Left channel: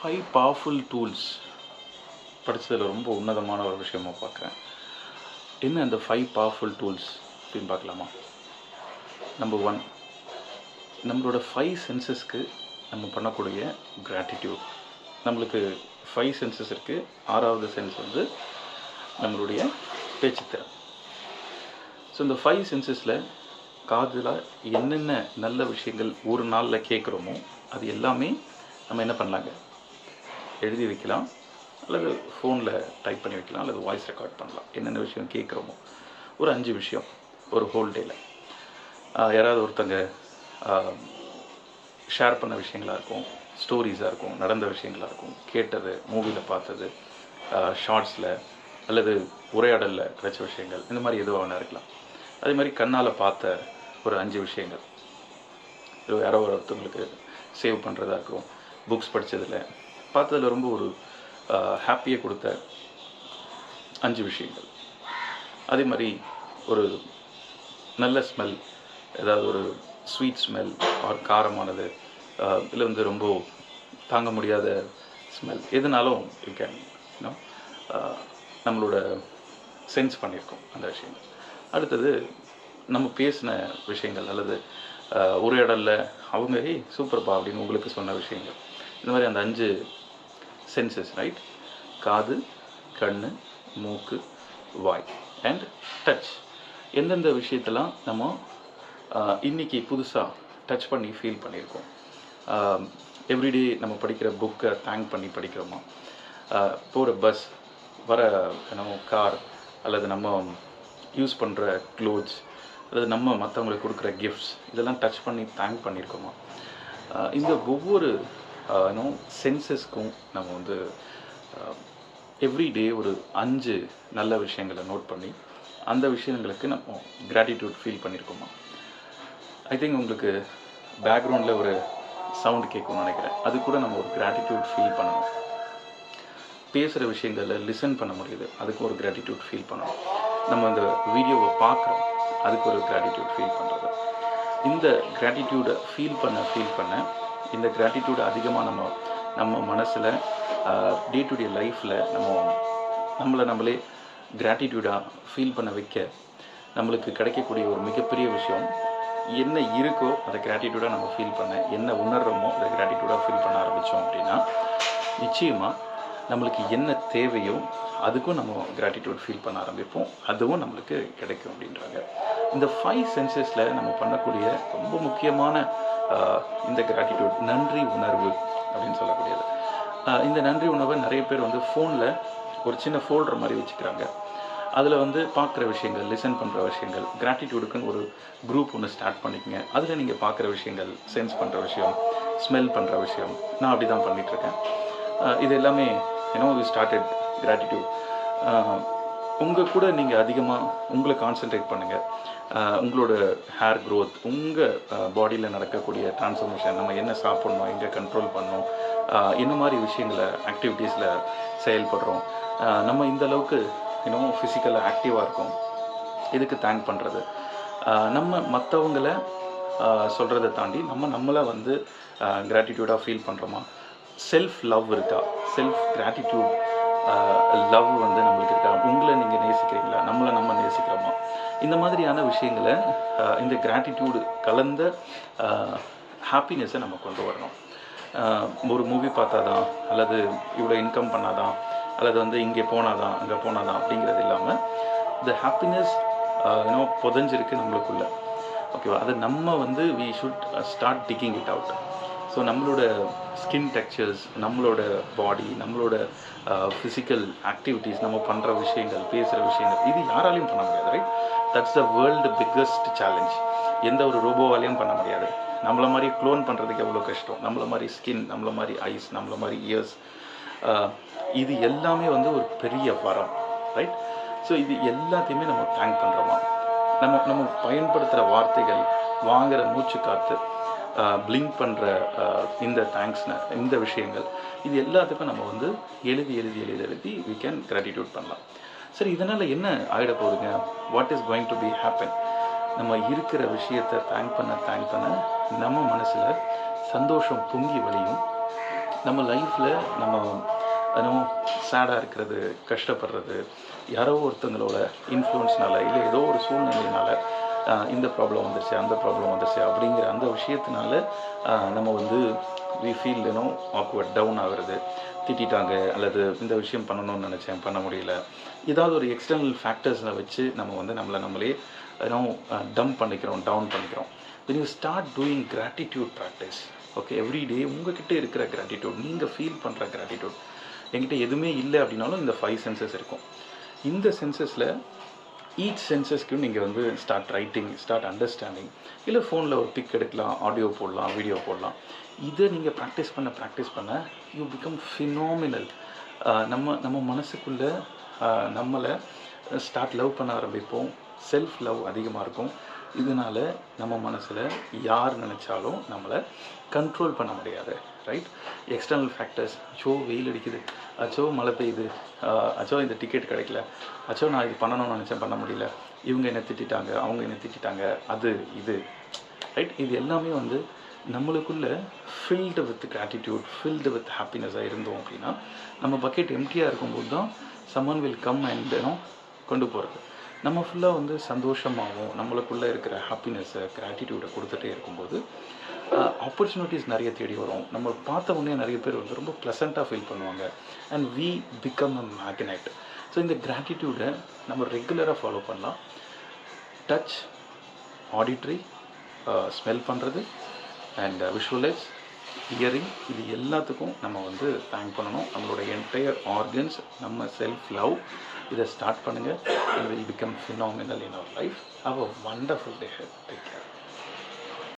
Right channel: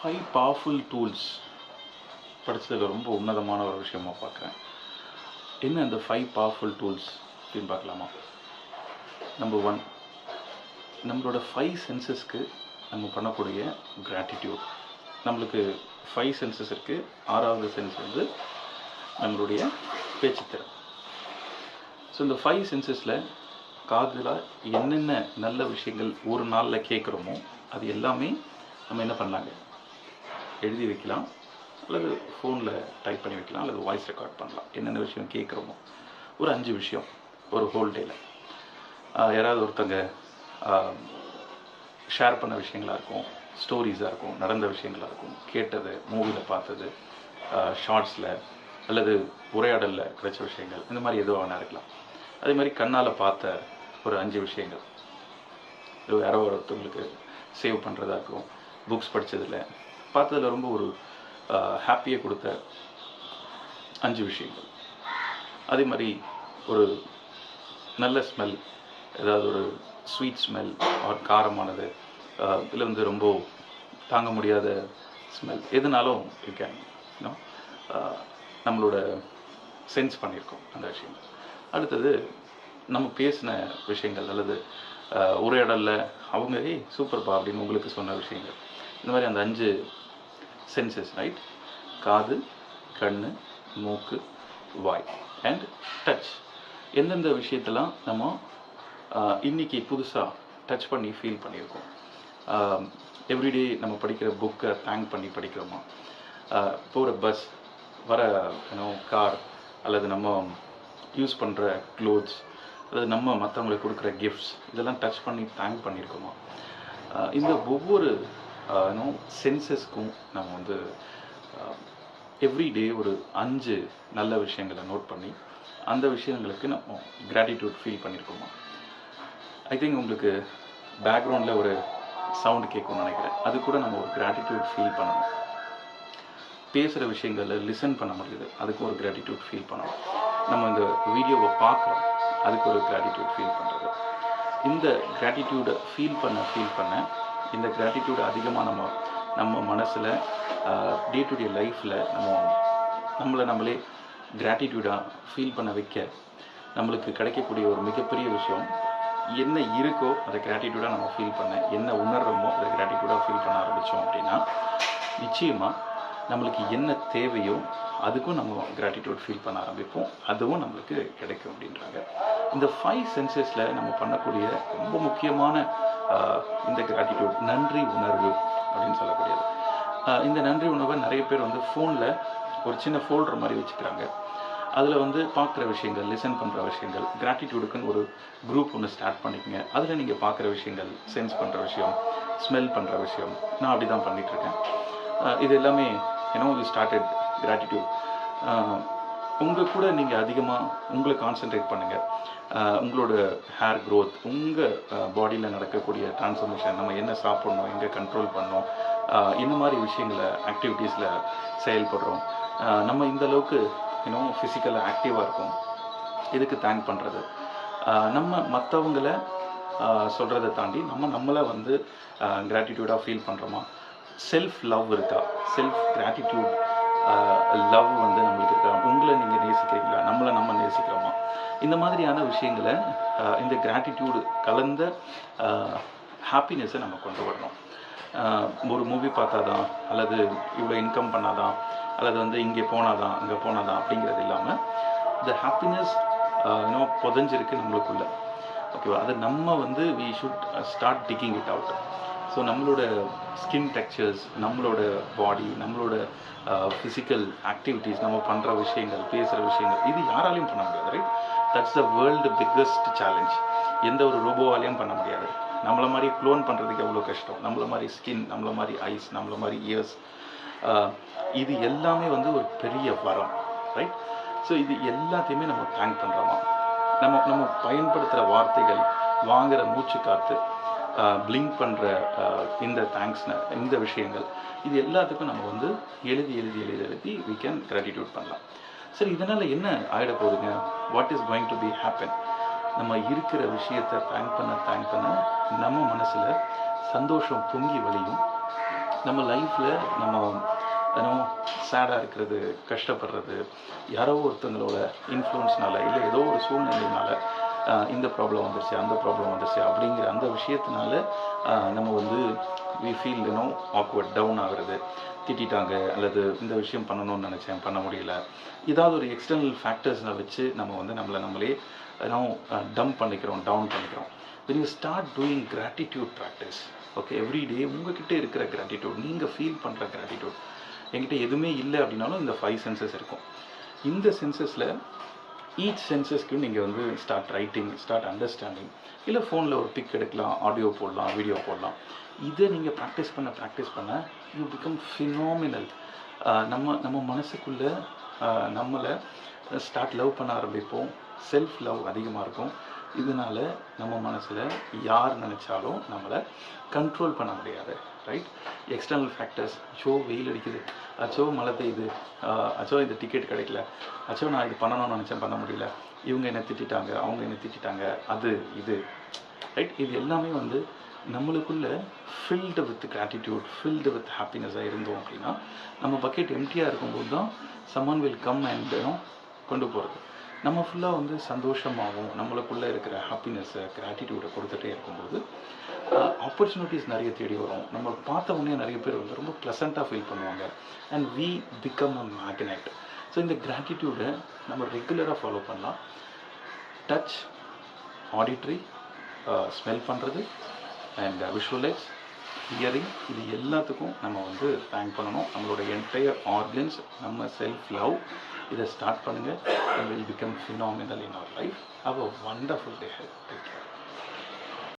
5 powerful tools படித்ததில் ரொம்ப உன்னதமான ஒரு விஷயமா பார்க்குறேன். என்ன அந்த 5 பவர்ஃபுல் டூல்ஸ் அப்படின்னு பார்க்கலாமா? நம்பர் 1, நம்மளோட 5 சென்சஸ்க்கு நம்ம பண்ணக்கூடிய கிராட்டிடியூட். நம்மளுக்கு 5 சென்சஸ் இருக்குது. 6வது சென்ஸ் வந்து நம்மளுடைய பேச்சுத்திறன். ஸோ இந்த 5 சென்சஸில் காதில் என்னென்ன நல்ல விஷயங்கள் ஒரு நாளில் கேட்குறோமோ அது எல்லாமே நம்ம என்ன பண்ணலாங்க, எழுதி வைக்கலாம், அல்லது ஃபோனில் டைப் பண்ணி வைக்கலாம், அல்லது வாய்ஸ் ரெக்கார்ட் பண்ணலாம். என்னென்ன விஷயம் கேட்குறோமோ ஒரு 5 விஷயம் ஒரு ஹோல் டேயில். யாராவது ஒருத்தங்க ஷேர் பண்ண விஷயங்களாக இருக்கும், ஸ்டோரிஸாக இருக்கும், நடந்த விஷயங்களாக இருக்கும், கேட்டது, மூவியில் பார்த்தது, ஷார்ட்ஸில் அல்லது உரையாடலில் கிடைச்ச விஷயங்கள், இந்த மாதிரி எதுவாக வேணா இருக்கலாம். அதே மாதிரி கண்ணால் பார்த்த ஒரு 5 விஷயங்கள், யாரோ ஒருத்தவங்களுக்கு சேவ் பண்ணுறதா இருக்கும், புக்ஸ் படித்ததில் பார்த்ததில் ரொம்ப ஒரு ஹாப்பியை கொடுத்த 5 விஷயங்கள். அதே மாதிரி ஒரு நல்ல ஸ்மெல், ஏதாவது ஒரு ஸ்வீட் ஸ்மெல் ஆர் காரமானது, இல்லை வந்து ரொம்ப தாங்க முடியாத ஸ்மெல், எதுனாலும் யூ கேன் நம்மளோட சென்ஸ் பண்ணியிருக்கோம் அந்த விஷயங்கள். அடுத்தது நம்ம பேசின விஷயங்கள் அல்லது உரையாடலில் அவங்க சூப்பர்ப்பா அப்படின்னு உங்களுக்கு சொன்ன விஷயங்கள். இந்த மாதிரி அந்த 5 சென்சஸ், ரைட்? காது, கண், மூக்கு, வாய் அண்ட் டச். எந்தெந்த விஷயத்தெல்லாம் நம்ம இன்றைக்கி புதுசாக டச் பண்ணி ஃபீல் பண்ணியிருக்கோம். எவ்ரிடே நம்ம படிக்கிற புக்கை தேங்க் பண்ணி படிக்கிறோமா? போகிற பஸ், வர கார், அல்லது நம்ம யூஸ் பண்ணுற க்ளோத்ஸ், அல்லது நம்ம மற்றவங்களுக்கு கொடுக்குற கிஃப்ட்ஸ், இதெல்லாம் டச் பண்ணி தேங்க் பண்ணியிருக்கோமா? இந்த ஒவ்வொரு சென்சஸ்க்கும் நம்ம வந்து எவ்ரிடே ஒரு 5 நல்ல விஷயங்களை நோட் பண்ணி அந்த விஷயங்களுக்கு நம்ம கிராட்டிடியூட் ஃபீல் பண்ணியிருக்கோமா? ஐ திங்க் உங்களுக்கு பேக்ரவுண்டில் ஒரு சவுண்டு கேட்கும்னு நினைக்கிறேன். அது கூட நம்ம ஒரு கிராட்டிடியூட் ஃபீல் பண்ணணும். பேசுகிற விஷயங்களில் லிசன் பண்ண முடியுது, அதுக்கு ஒரு கிராட்டிடியூட் ஃபீல் பண்ணணும். நம்ம இந்த வீடியோவை பார்க்குறோம், அதுக்கு ஒரு கிராட்டிடியூட் ஃபீல் பண்ணுறது. இந்த கிராட்டிடியூடை ஃபீல் பண்ண இந்த கிராட்டிடியூடை அதிகமாக நம்ம மனசில் டே டு டே லைஃப்பில் நம்மளே கிராட்டிடியூடாக ஃபீல் பண்ண வைக்க நம்மளுக்கு கிடைக்கக்கூடிய ஒரு மிகப்பெரிய விஷயம், என்ன இருக்கோ அதை கிராட்டிடியூடாக நம்ம ஃபீல் பண்ண, என்ன உணர்கிறோமோ அதை கிராட்டிடியூடாக ஃபீல் பண்ண ஆரம்பித்தோம் அப்படின்னா நிச்சயமாக நம்மளுக்கு என்ன தேவையோ அதுக்கும் நம்ம கிராட்டிடியூட் ஃபீல் பண்ண ஆரம்பிப்போம், அதுவும் நம்மளுக்கு கிடைக்கும் அப்படின்றாங்க. இந்த 5 சென்சஸில் நம்ம பண்ணக்கூடிய ரொம்ப முக்கியமான இந்த கிராட்டிடியூட் நன்றி உணர்வு அப்படின்னு சொல்லக்கூடியது. இந்த நன்றி உணர்வை நிறைய பேர் வந்து ஃபோனில் ஒரு சின்ன ஃபோல்டர் மாதிரி வச்சுக்கிறாங்க. அதில் வந்து பார்க்குற விஷயங்கள், லிசன் பண்ணுற விஷயங்கள், கிராட்டிடியூடுக்குன்னு ஒரு குரூப் ஒன்று ஸ்டார்ட் பண்ணிக்கங்க. அதில் நீங்கள் பார்க்குற விஷயங்கள், சென்ஸ் பண்ணுற விஷயம், ஸ்மெல் பண்ணுற விஷயம், நான் அப்படி தான் பண்ணிகிட்ருக்கேன். இது எல்லாமே வி ஸ்டார்டட் கிராட்டிடியூட். உங்கள் கூட நீங்கள் அதிகமாக உங்களை கான்சென்ட்ரேட் பண்ணுங்கள். உங்களோட ஹேர் க்ரோத், உங்கள் பாடியில் நடக்கக்கூடிய ட்ரான்ஸ்ஃபர்மேஷன், நம்ம என்ன சாப்பிட்ணும், எங்கே கண்ட்ரோல் பண்ணோம், என்ன மாதிரி விஷயங்களை ஆக்டிவிட்டீஸில் செயல்படுறோம், நம்ம இந்த அளவுக்கு ஃபிசிக்கலாக ஆக்டிவாக இருக்கும், இதுக்கு தேங்க் பண்ணுறது. நம்ம மற்றவங்களை சொல்கிறத தாண்டி நம்மளை வந்து கிராட்டிடியூடாக ஃபீல் பண்ணுறோமா? செல்ஃப் லவ் இருக்கா? செல்ஃப் கிராட்டிடியூட் லவ் வந்து நம்மளுக்கு இருக்கா? உங்களை நீங்கள் நேசிக்கிறீங்களா? நம்மளை நம்ம நேசிக்கிறோமா? இந்த மாதிரியான விஷயங்களை இந்த கிராட்டிடியூடு கலந்த ஹாப்பினஸை நம்ம கொண்டு வரணும். ஒரு மூவி பார்த்தாதான், அல்லது இவ்வளோ இன்கம் பண்ணாதான், அல்லது வந்து இங்கே போனாதான் அங்கே போனாதான் அப்படிங்கிறது இல்லாமல் இந்த ஹாப்பினஸ் புதஞ்சிருக்கு நம்மளுக்குள்ள. ஓகேவா? அதை நம்ம வந்து we should start ticking it out. So நம்மளோட ஸ்கின் டெக்ஸ்சர்ஸ், நம்மளோட பாடி, நம்மளோட ஃபிசிக்கல் ஆக்டிவிட்டீஸ், நம்ம பண்ணுற விஷயங்கள், பேசுகிற விஷயங்கள், இது யாராலையும் பண்ண முடியாது, right? That's the world biggest challenge. எந்த ஒரு ரோபோவாலையும் பண்ண முடியாது. நம்மளை மாதிரி க்ளோன் பண்ணுறதுக்கு எவ்வளோ கஷ்டம். நம்மளை மாதிரி ஸ்கின், நம்மளை மாதிரி ஐஸ், நம்மளை மாதிரி இயர்ஸ், இது எல்லாமே வந்து ஒரு பெரிய வரம், ரைட்? ஸோ இது எல்லாத்தையுமே நம்ம தேங்க் பண்ணுறோமா? நம்ம பயன்படுத்துகிற வார்த்தைகள், வாங்குகிற மூச்சு காற்று, பிளிங்க் பண்ணுற இந்த தேங்க்ஸ்ன இந்த விஷயங்கள், இது எல்லாத்துக்கும் நம்ம வந்து எழுதி we can gratitude பண்ணலாம். சரி, இதனால் என்ன ஆகிட போகுதுங்க? What is going to be happen? நம்ம இருக்கிற விஷயத்தை தேங்க் பண்ண நம்ம மனசில் சந்தோஷம் பொங்கி வழியும். நம்ம லைஃப்பில் நம்ம ஏன்னோ சேடாக இருக்கிறது, கஷ்டப்படுறது, யாரோ ஒருத்தங்களோட இன்ஃப்ளூயன்ஸ்னால இல்லை ஏதோ ஒரு சூழ்நிலையினால இந்த ப்ராப்ளம் வந்துருச்சு, அந்த ப்ராப்ளம் வந்துருச்சு அப்படிங்கிற அந்த விஷயத்தினால நம்ம வந்து வி ஃபீல் ஏன்னோ ஆக்வர்ட் டவுன் ஆகுறது, திட்டாங்க அல்லது இந்த விஷயம் பண்ணணும்னு நினச்சேன் பண்ண முடியல, ஏதாவது ஒரு எக்ஸ்டர்னல் ஃபேக்டர்ஸை வச்சு நம்ம வந்து நம்மளே ஏன்னோ டம்ப் பண்ணிக்கிறோம், டவுன் பண்ணிக்கிறோம். when you start doing gratitude practice, okay, everyday உங்ககிட்ட இருக்கிற கிராட்டிடியூட், நீங்கள் ஃபீல் பண்ணுற கிராட்டிடியூட், என்கிட்ட எதுவுமே இல்லை அப்படின்னாலும் இந்த 5 சென்சஸ் இருக்கும். இந்த சென்சஸில் ஈச் சென்சஸ்க்கு நீங்கள் வந்து ஸ்டார்ட் ரைட்டிங், ஸ்டார்ட் அண்டர்ஸ்டாண்டிங், இல்லை ஃபோனில் ஒரு பிக் எடுக்கலாம், ஆடியோ போடலாம், வீடியோ போடலாம். இதை நீங்கள் ப்ராக்டிஸ் பண்ண யூ பிகம் ஃபினாமினல். நம்ம மனசுக்குள்ளே நம்மளை ஸ்டார்ட் லவ் பண்ண ஆரம்பிப்போம். செல்ஃப் லவ் அதிகமாக இருக்கும். இதனால் நம்ம மனசில் யார் நினச்சாலும் நம்மளை கண்ட்ரோல் பண்ண முடியாது, ரைட்? எக்ஸ்டர்னல் ஃபேக்டர்ஸ், அச்சோ வெயில் அடிக்குது, அச்சோ மழை பெய்யுது, அச்சோ இந்த டிக்கெட் கிடைக்கல, அச்சோ நான் இது பண்ணணும்னு நினச்சேன் பண்ண முடியல, இவங்க என்னை திட்டாங்க, அவங்க என்னை திட்டாங்க, அது இது, ரைட்? இது எல்லாமே வந்து நம்மளுக்குள்ளே filled with gratitude, filled with ஹாப்பினஸாக இருந்தோம் அப்படின்னா, நம்ம பக்கெட் எம்டியாக இருக்கும்போது தான் சம்மன் வில் கம் அண்ட் கொண்டு போகிறது. நம்ம ஃபுல்லாக வந்து சந்தோஷமாகவும் நம்மளுக்குள்ளே இருக்கிற ஹாப்பினஸ்ஸை, கிராட்டிடியூடை கொடுத்துட்டே இருக்கும்போது ஆப்பர்ச்சுனிட்டிஸ் நிறைய தேடி வரும். நம்ம பார்த்த உடனே நிறைய பேர் வந்து ரொம்ப ப்ளசண்ட்டாக ஃபீல் பண்ணுவாங்க. And we become a magnet. So இந்த கிராட்டிடியூடை நம்ம ரெகுலராக ஃபாலோ பண்ணலாம். டச், ஆடிட்ரி, ஸ்மெல் பண்ணுறது அண்ட் விஷுவலைஸ், ஹியரிங், இது எல்லாத்துக்கும் நம்ம வந்து தேங்க் பண்ணணும். நம்மளோட என்டையர் ஆர்கன்ஸ், நம்ம செல்ஃப் லவ், இதை ஸ்டார்ட் பண்ணுங்கள். and will become phenomenal in our life. Have a wonderful day ahead. Take care.